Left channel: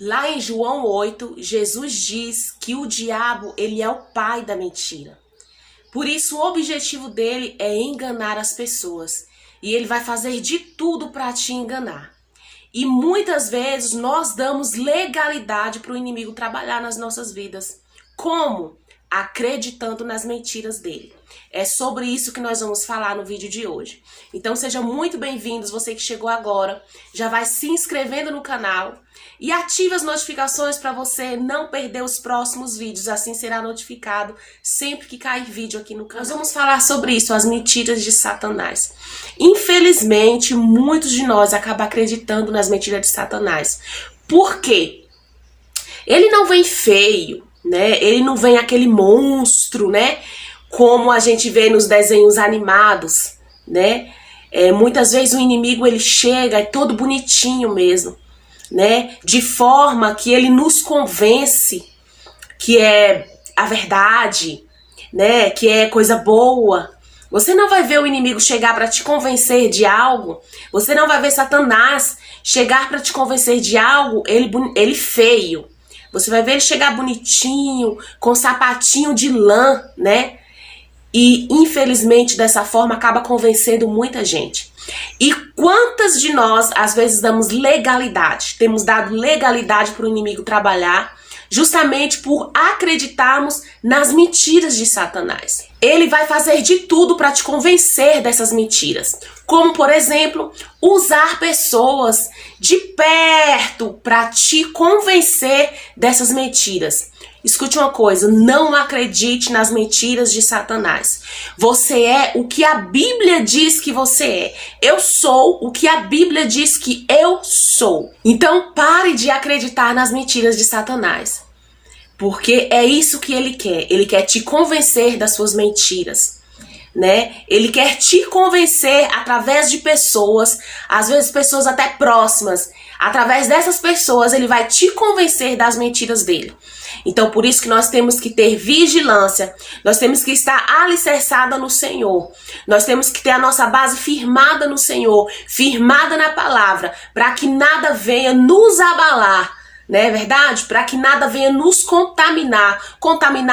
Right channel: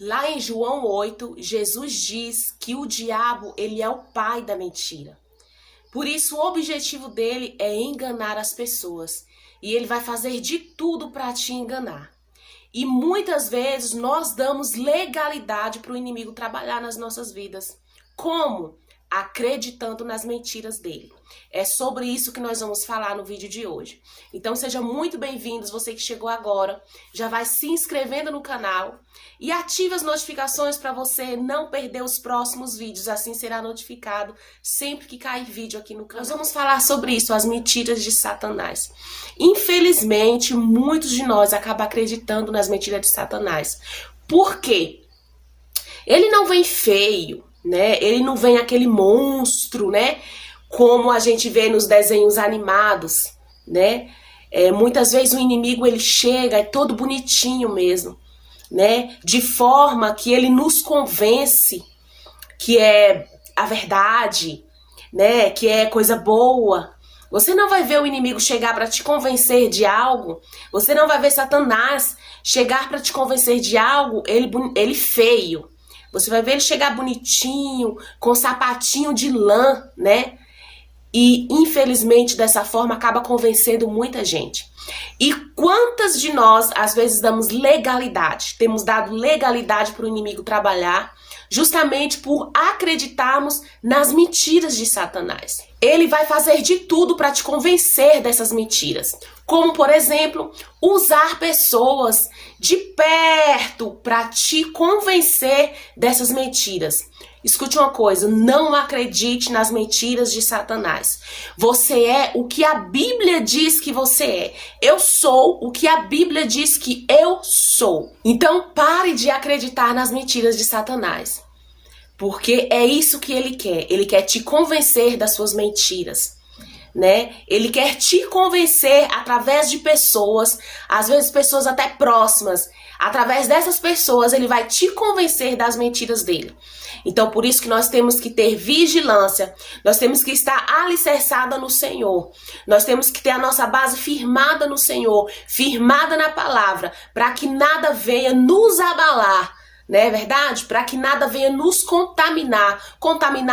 Lá em João 8, Jesus diz que o diabo, ele é o pai da mentira. Por isso, o objetivo dele é enganar as pessoas. E ele vai fazer de tudo para te enganar. E muitas vezes nós damos legalidade para o inimigo trabalhar nas nossas vidas. Como? Acreditando nas mentiras dele. É sobre isso que nós vamos falar no vídeo de hoje. Então sejam muito bem-vindos, você que chegou agora. Já vai se inscrevendo no canal e ative as notificações para você não perder os próximos vídeos. Assim será notificado sempre que cair vídeo aqui no canal. Nós vamos falar sobre isso, as mentiras de Satanás. Infelizmente, muitos de nós acabam acreditando nas mentiras de Satanás. Por quê? Ele não vem feio, né? Ele não vem aquele monstro, né? Como a gente vê nos desenhos animados, né? Muitas vezes o inimigo ele chega, é todo bonitinho mesmo, né? De forma que ele nos convence que é a verdade, né? Que é coisa boa. Você não vai ver o inimigo chegar para te convencer de algo. Você não vai ver Satanás chegar para te convencer de algo, ele feio. Você vai ver ele chegar bonitinho, com sapatinho de lã, né? E, infelizmente, dessa forma, acaba convencendo muita gente. E quantas de nós, às vezes, damos legalidade? Temos dado legalidade para o inimigo trabalhar, justamente por acreditarmos nas mentiras de Satanás. Ele vai fazer de tudo para te convencer dessas mentiras. Como, por exemplo, usar pessoas de perto para te convencer dessas mentiras. Escute uma coisa, não acredite nas mentiras de Satanás. Você é o que a Bíblia diz que você é. Eu sou o que a Bíblia diz que eu sou. Então pare de acreditar nas mentiras de Satanás. Porque é isso que ele quer. Ele quer te convencer das suas mentiras, né? Ele quer te convencer através de pessoas, às vezes pessoas até próximas. Através dessas pessoas ele vai te convencer das mentiras dele. Então, por isso que nós temos que ter vigilância, nós temos que estar alicerçada no Senhor, nós temos que ter a nossa base firmada no Senhor, firmada na palavra, para que nada venha nos abalar, não é verdade? Para que nada venha nos contaminar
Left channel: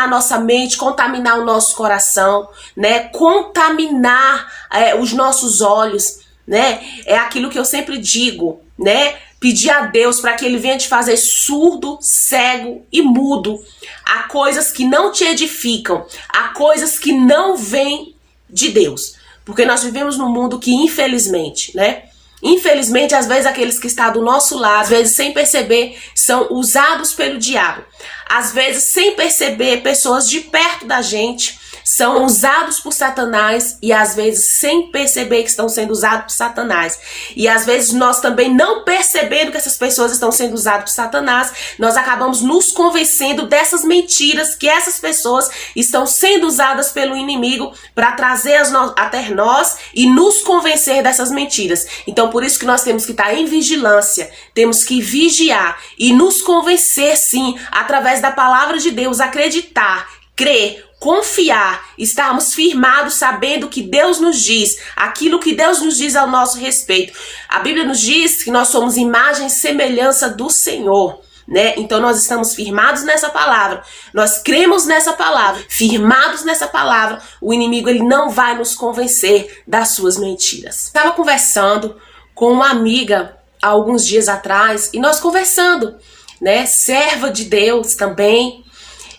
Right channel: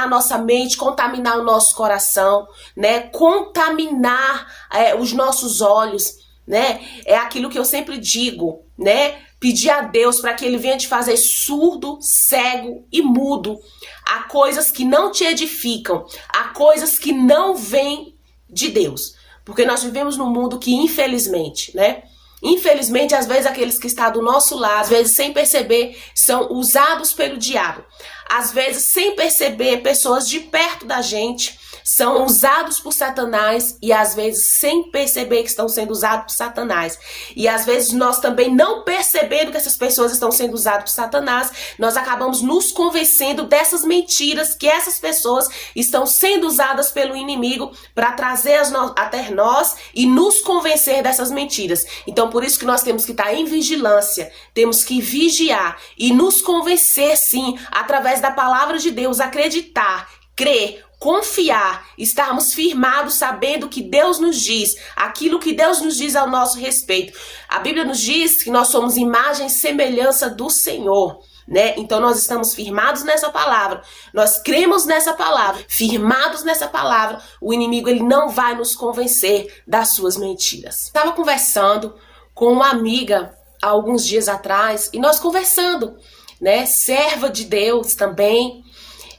nossa mente, contaminar o nosso coração, né? Contaminar os nossos olhos, né? É aquilo que eu sempre digo, né? Pedir a Deus para que Ele venha te fazer surdo, cego e mudo a coisas que não te edificam, a coisas que não vêm de Deus. Porque nós vivemos num mundo que, infelizmente, né? Infelizmente, às vezes, aqueles que estão do nosso lado, às vezes, sem perceber, são usados pelo diabo. Às vezes, sem perceber, pessoas de perto da gente são usados por Satanás e às vezes sem perceber que estão sendo usados por Satanás. E às vezes nós também não percebendo que essas pessoas estão sendo usadas por Satanás, nós acabamos nos convencendo dessas mentiras que essas pessoas estão sendo usadas pelo inimigo para trazer até nós e nos convencer dessas mentiras. Então por isso que nós temos que estar em vigilância, temos que vigiar e nos convencer sim, através da palavra de Deus, acreditar, crer, confiar, estarmos firmados sabendo que Deus nos diz, aquilo que Deus nos diz ao nosso respeito. A Bíblia nos diz que nós somos imagem e semelhança do Senhor, né? Então nós estamos firmados nessa palavra, nós cremos nessa palavra, firmados nessa palavra, o inimigo ele não vai nos convencer das suas mentiras. Estava conversando com uma amiga há alguns dias atrás e nós conversando, né? Serva de Deus também.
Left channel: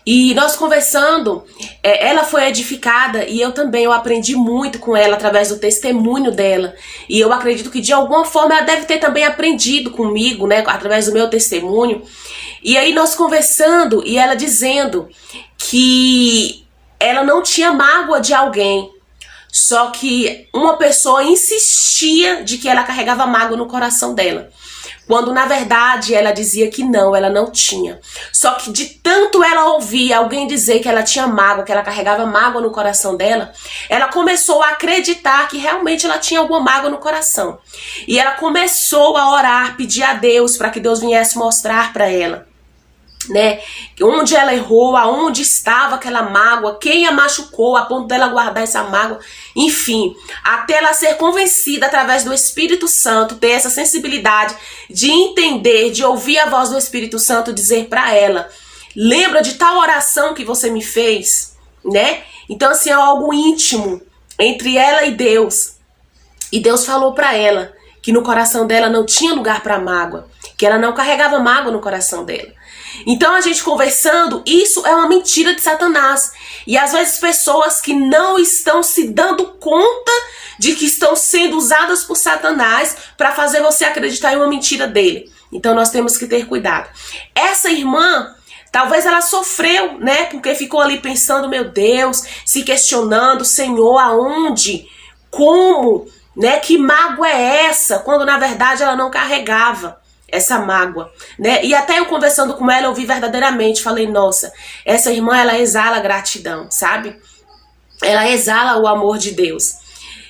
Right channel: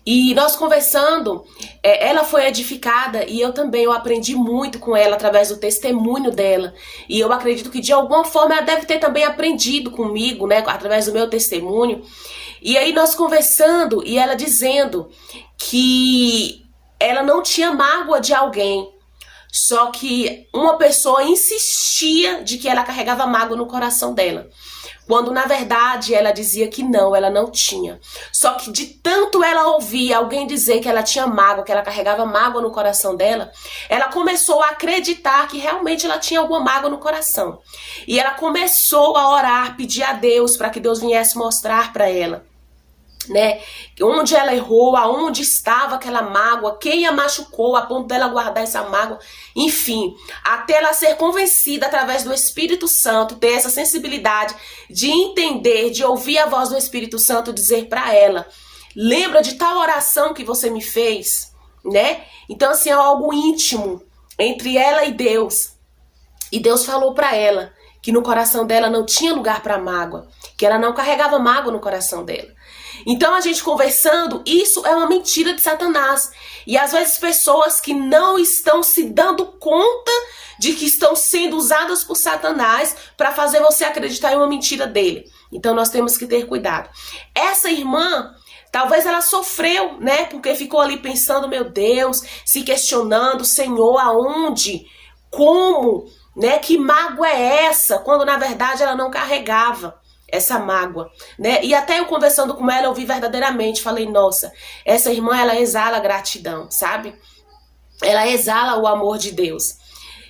E nós conversando, ela foi edificada e eu também, eu aprendi muito com ela através do testemunho dela. E eu acredito que de alguma forma ela deve ter também aprendido comigo, né, através do meu testemunho. E aí nós conversando e ela dizendo que ela não tinha mágoa de alguém. Só que uma pessoa insistia de que ela carregava mágoa no coração dela. Quando na verdade ela dizia que não, ela não tinha. Só que de tanto ela ouvir alguém dizer que ela tinha mágoa, que ela carregava mágoa no coração dela, ela começou a acreditar que realmente ela tinha alguma mágoa no coração. E ela começou a orar, pedir a Deus para que Deus viesse mostrar para ela né? Onde ela errou, aonde estava aquela mágoa, quem a machucou, a ponto dela guardar essa mágoa, enfim, até ela ser convencida através do Espírito Santo, ter essa sensibilidade de entender, de ouvir a voz do Espírito Santo dizer para ela: lembra de tal oração que você me fez, né? Então, assim, é algo íntimo entre ela e Deus. E Deus falou para ela que no coração dela não tinha lugar para mágoa, que ela não carregava mágoa no coração dela. Então, a gente conversando, isso é uma mentira de Satanás. E às vezes pessoas que não estão se dando conta de que estão sendo usadas por Satanás para fazer você acreditar em uma mentira dele. Então, nós temos que ter cuidado. Essa irmã, talvez ela sofreu, né? Porque ficou ali pensando, meu Deus, se questionando, Senhor, aonde? Como? Né? Que mágoa é essa? Quando na verdade ela não carregava essa mágoa, né? E até eu conversando com ela, eu vi verdadeiramente, falei, nossa, essa irmã, ela exala gratidão, sabe? Ela exala o amor de Deus.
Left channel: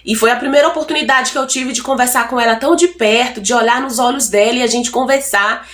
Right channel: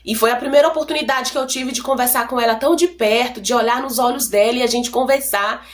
E foi a primeira oportunidade que eu tive de conversar com ela tão de perto, de olhar nos olhos dela e a gente conversar.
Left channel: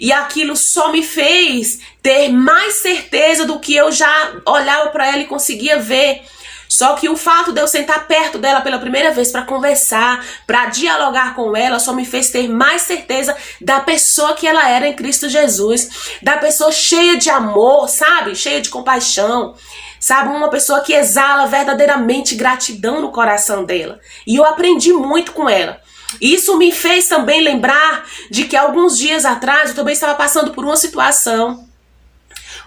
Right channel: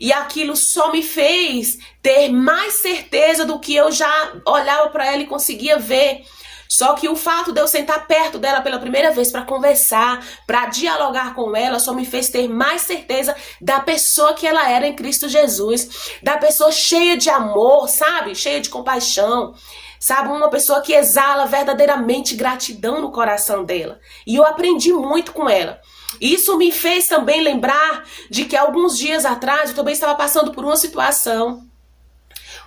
E aquilo só me fez ter mais certeza do que eu já olhava para ela e conseguia ver. Só que o fato de eu sentar perto dela pela primeira vez para conversar, para dialogar com ela, só me fez ter mais certeza da pessoa que ela era em Cristo Jesus. Da pessoa cheia de amor, sabe? Cheia de compaixão. Sabe? Uma pessoa que exala verdadeiramente gratidão no coração dela. E eu aprendi muito com ela. Isso me fez também lembrar de que alguns dias atrás eu também estava passando por uma situação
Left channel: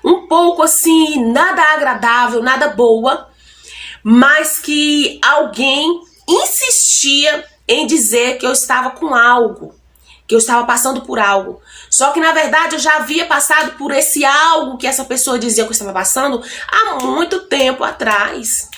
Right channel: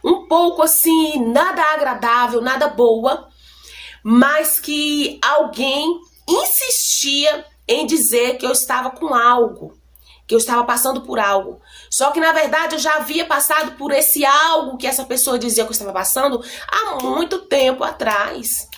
um pouco assim, nada agradável, nada boa, mas que alguém insistia em dizer que eu estava com algo, que eu estava passando por algo. Só que na verdade eu já havia passado por esse algo que essa pessoa dizia que eu estava passando há muito tempo atrás,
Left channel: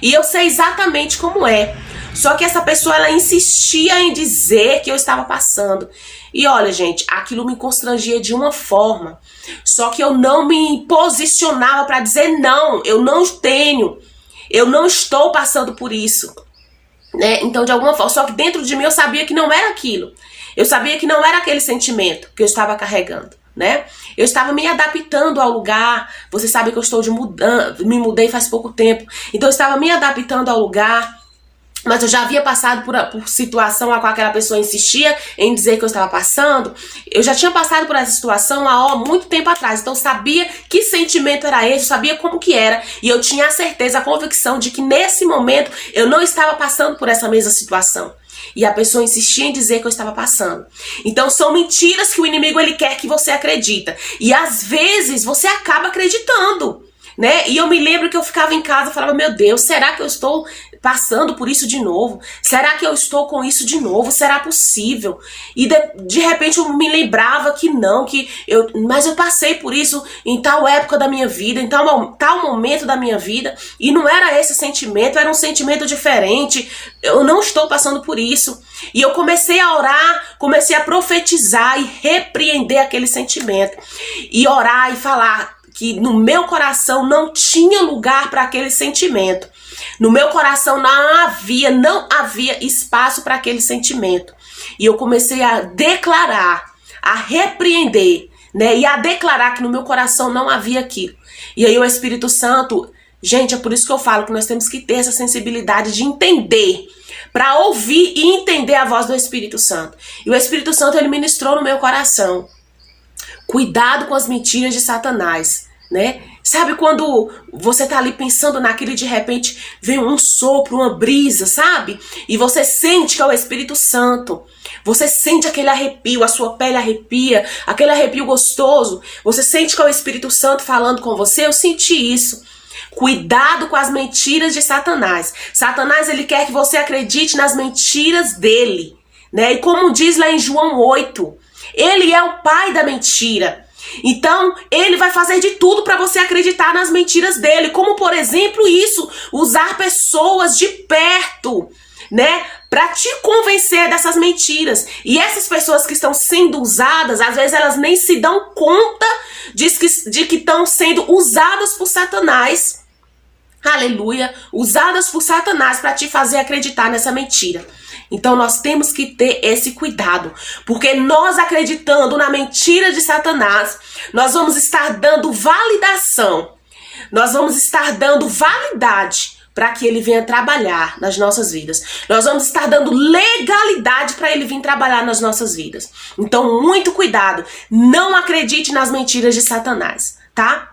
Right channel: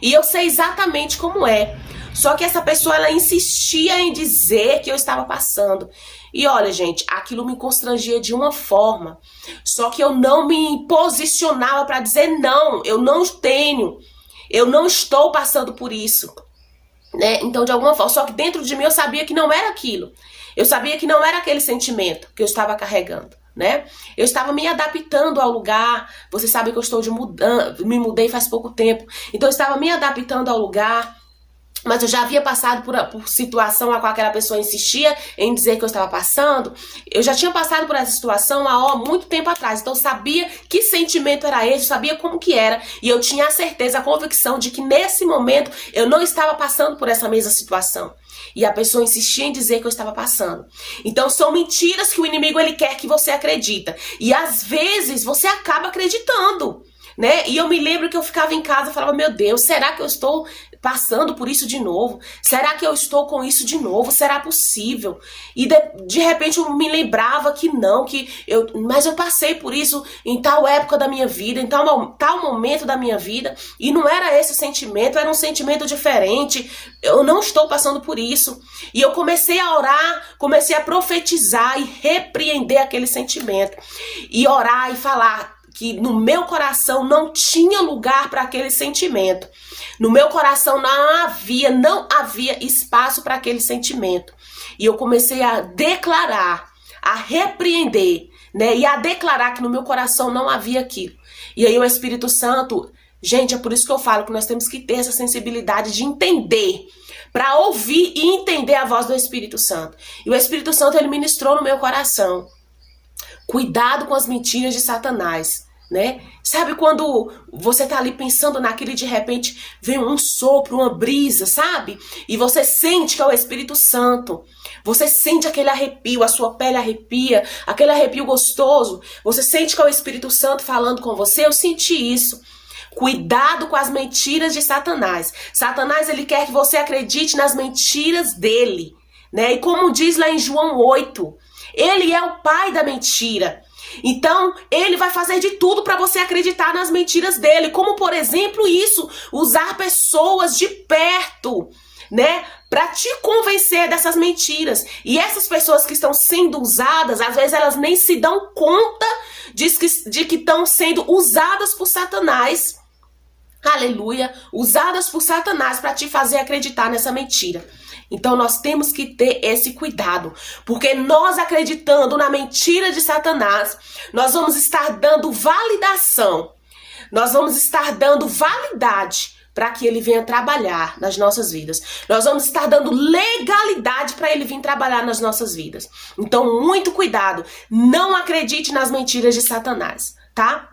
e eu sei exatamente como é. Só que essa pessoa, ela insistia em dizer que eu estava passando. E olha, gente, aquilo me constrangia de uma forma. Só que eu não me posicionava para dizer não, eu não tenho, eu não estou passando por isso, né? Então, de alguma forma, só que dentro de mim eu sabia que não era aquilo. Eu sabia que não era aquele sentimento que eu estava carregando, né? Eu estava me adaptando ao lugar. Você sabe que eu estou me mudei faz pouco tempo. Então, eu estava me adaptando ao lugar. Mas eu já havia passado por situação a qual aquela pessoa insistia em dizer que eu estava passando. Eu já tinha passado por essa situação há muito tempo atrás. Então eu sabia que sentimento era esse, eu sabia como que era. E eu tinha a certeza, a convicção de que nesse momento eu não estava passando por essa mesma situação. E a pessoa insistia em dizer que eu estava passando. Então são mentiras que o inimigo ele quer que você acredita. E às vezes você acaba acreditando, né? E eu me lembro que eu ficava em casa e falava, meu Deus, será que eu estou passando por isso de novo? Será que eu estou com isso de novo? Será possível? E de repente eu me lembrava que não, mas eu passei por isso em tal época da minha vida, em tal momento da minha vida, e não era esse sentimento, era um sentimento diferente. Eu não estou passando por isso. E eu comecei a orar, comecei a profetizar e repreender aquele sentimento. E orar e falar que no meu coração não tinha lugar para aquele sentimento. No meu coração não havia espaço para aquele sentimento. E eu comecei a declarar, a repreender, né? E a declarar que no meu coração não havia aquilo. E aí o Espírito Santo, gente, é por isso que eu falo que nós temos que ter essa sensibilidade de entender, para ouvir e entender a voz do Espírito Santo. E o Espírito Santo, ele ministrou no meu coração. Cuidado com as mentiras de Satanás, né? Sabe quando você tá ali pensando naquilo e de repente vem um sopro, uma brisa, sabe? E você sente que é o Espírito Santo. Você sente aquele arrepio, a sua pele arrepia, aquele arrepio gostoso. Você sente que é o Espírito Santo falando com você. Eu senti isso. Cuidado com as mentiras de Satanás. Satanás, ele quer que você acredite nas mentiras dele, né? E como diz lá em João 8, ele é o pai da mentira. Então, ele vai fazer de tudo para você acreditar nas mentiras dele. Como, por exemplo, isso, usar pessoas de perto, né, para te convencer dessas mentiras. E essas pessoas que estão sendo usadas, às vezes elas nem se dão conta de que estão sendo usadas por Satanás. Aleluia, usadas por Satanás para te fazer acreditar nessa mentira. Então nós temos que ter esse cuidado, porque nós acreditando na mentira de Satanás, nós vamos estar dando validação, nós vamos estar dando validade para que ele venha trabalhar nas nossas vidas. Nós vamos estar dando legalidade para ele vir trabalhar nas nossas vidas. Então, muito cuidado. Não acredite nas mentiras de Satanás, tá?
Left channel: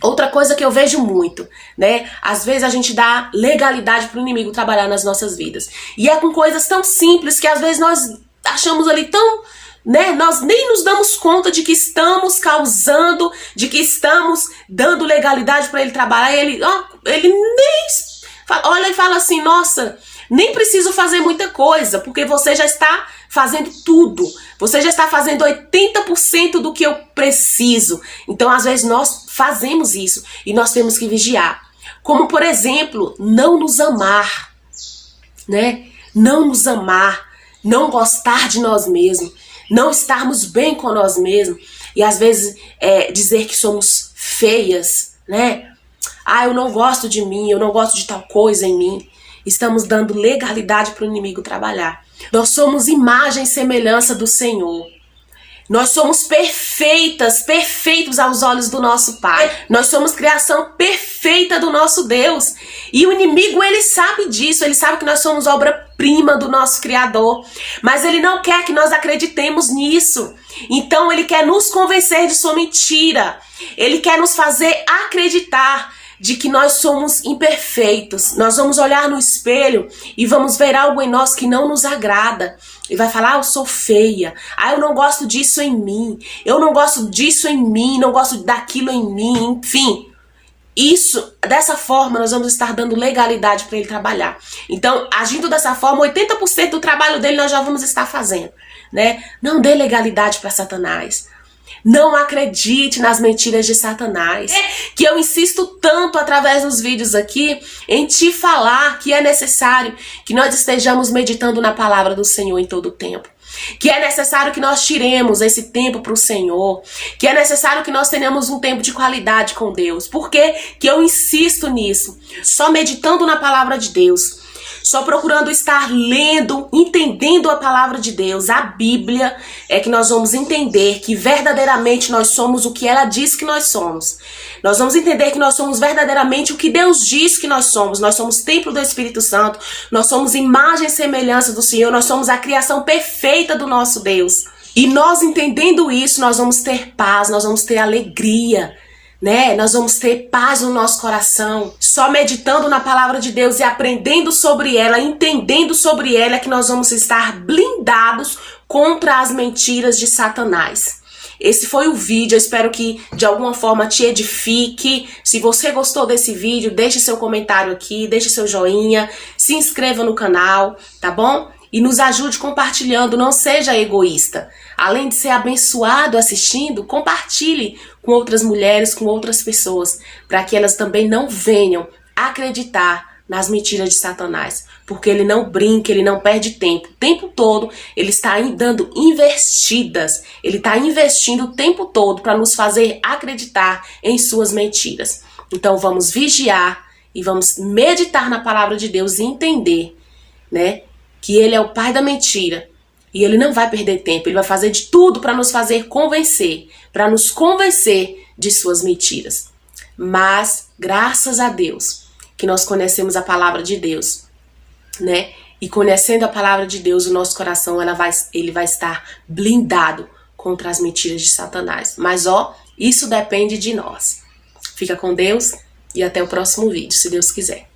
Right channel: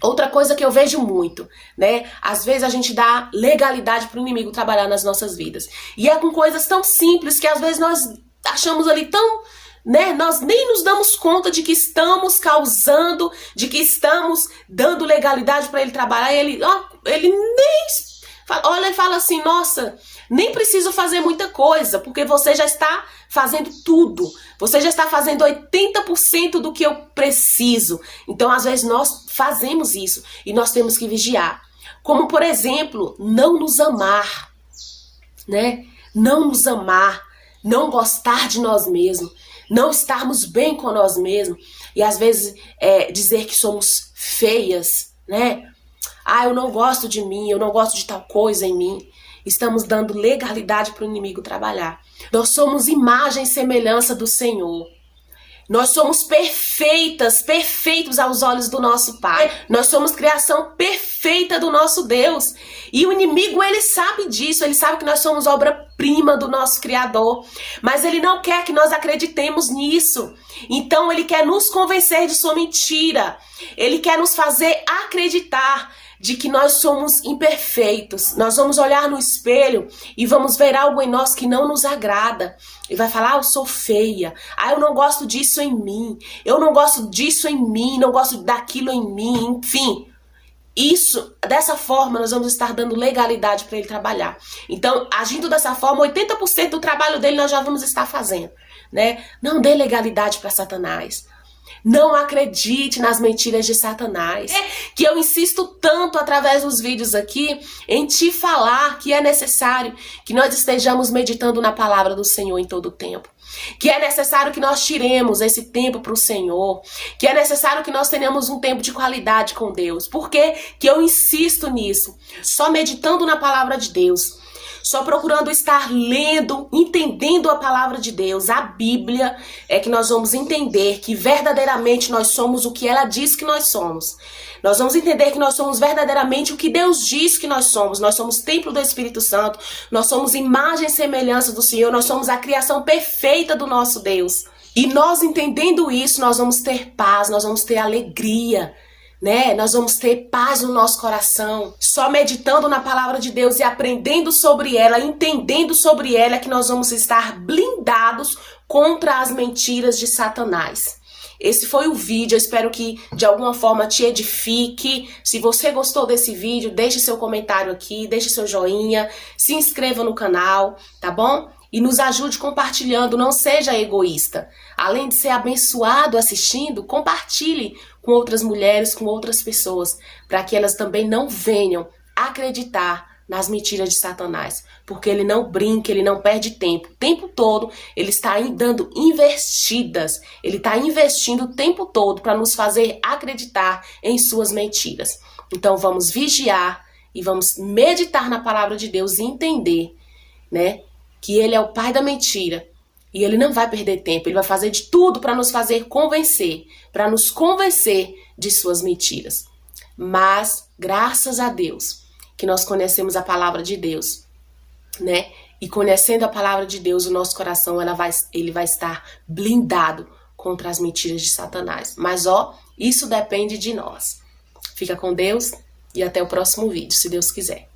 Outra coisa que eu vejo muito, né? Às vezes a gente dá legalidade para o inimigo trabalhar nas nossas vidas. E é com coisas tão simples que às vezes nós achamos ali tão... né? Nós nem nos damos conta de que estamos causando, de que estamos dando legalidade para ele trabalhar. E ele nem olha e fala assim, nossa, nem preciso fazer muita coisa, porque você já está fazendo tudo. Você já está fazendo 80% do que eu preciso. Então, às vezes, nós fazemos isso e nós temos que vigiar. Como, por exemplo, não nos amar, né? Não nos amar, não gostar de nós mesmos, não estarmos bem com nós mesmos e às vezes dizer que somos feias, né? Ah, eu não gosto de mim, eu não gosto de tal coisa em mim. Estamos dando legalidade para o inimigo trabalhar. Nós somos imagem e semelhança do Senhor. Nós somos perfeitos aos olhos do nosso Pai. Nós somos criação perfeita do nosso Deus. E o inimigo, ele sabe disso, ele sabe que nós somos obra-prima do nosso Criador. Mas ele não quer que nós acreditemos nisso. Então ele quer nos convencer de sua mentira. Ele quer nos fazer acreditar de que nós somos imperfeitos. Nós vamos olhar no espelho e vamos ver algo em nós que não nos agrada. E vai falar, eu sou feia. Eu não gosto disso em mim. Eu não gosto disso em mim. Não gosto daquilo em mim. Enfim, dessa forma, nós vamos estar dando legalidade para ele trabalhar. Então, agindo dessa forma, 80% do trabalho dele nós já vamos estar fazendo, né? Não dê legalidade para Satanás. Não acredite nas mentiras de Satanás. Que eu insisto tanto através dos vídeos aqui em te falar que é necessário que nós estejamos meditando na palavra do Senhor em todo o tempo. Que é necessário que nós tiremos esse tempo para o Senhor. Que é necessário que nós tenhamos um tempo de qualidade com Deus. Por que que eu insisto nisso? Só meditando na palavra de Deus. Só procurando estar lendo, entendendo a palavra de Deus, a Bíblia, é que nós vamos entender que verdadeiramente nós somos o que ela diz que nós somos. Nós vamos entender que nós somos verdadeiramente o que Deus diz que nós somos. Nós somos templo do Espírito Santo, nós somos imagem e semelhança do Senhor, nós somos a criação perfeita do nosso Deus. E nós entendendo isso, nós vamos ter paz, nós vamos ter alegria, né? Nós vamos ter paz no nosso coração. Só meditando na palavra de Deus e aprendendo sobre ela, entendendo sobre ela, é que nós vamos estar blindados contra as mentiras de Satanás. Esse foi o vídeo, eu espero que de alguma forma te edifique. Se você gostou desse vídeo, deixe seu comentário aqui, deixe seu joinha, se inscreva no canal, tá bom? E nos ajude compartilhando, não seja egoísta. Além de ser abençoado assistindo, compartilhe com outras mulheres, com outras pessoas, para que elas também não venham acreditar nas mentiras de Satanás. Porque ele não brinca, ele não perde tempo. O tempo todo ele está dando investidas, ele está investindo o tempo todo para nos fazer acreditar em suas mentiras. Então vamos vigiar e vamos meditar na palavra de Deus e entender, né, que ele é o pai da mentira. E ele não vai perder tempo, ele vai fazer de tudo para nos fazer convencer, para nos convencer de suas mentiras. Mas, graças a Deus, que nós conhecemos a palavra de Deus, né? E conhecendo a palavra de Deus, o nosso coração, ele vai estar blindado contra as mentiras de Satanás. Mas, isso depende de nós. Fica com Deus e até o próximo vídeo, se Deus quiser.